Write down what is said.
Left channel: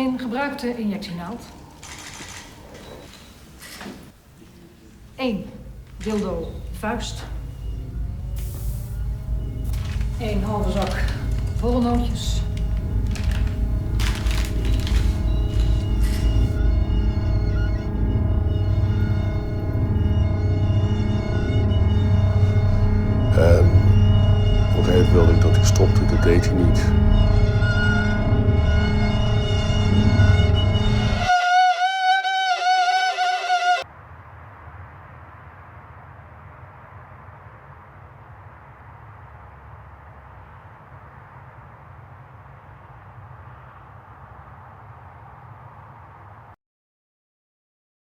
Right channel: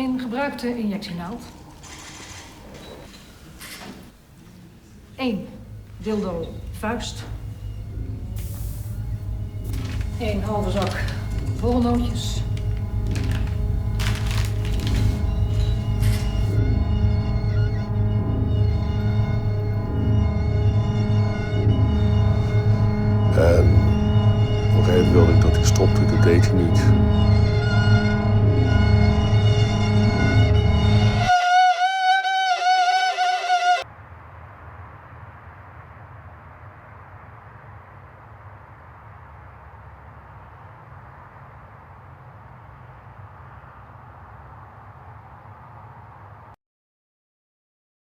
1 gebruikte injectienaald. 1 dildo vuist. 1 halve zak borrelnootjes. En op een gegeven moment wilde ik dat hij stopte, dat deed hij niet.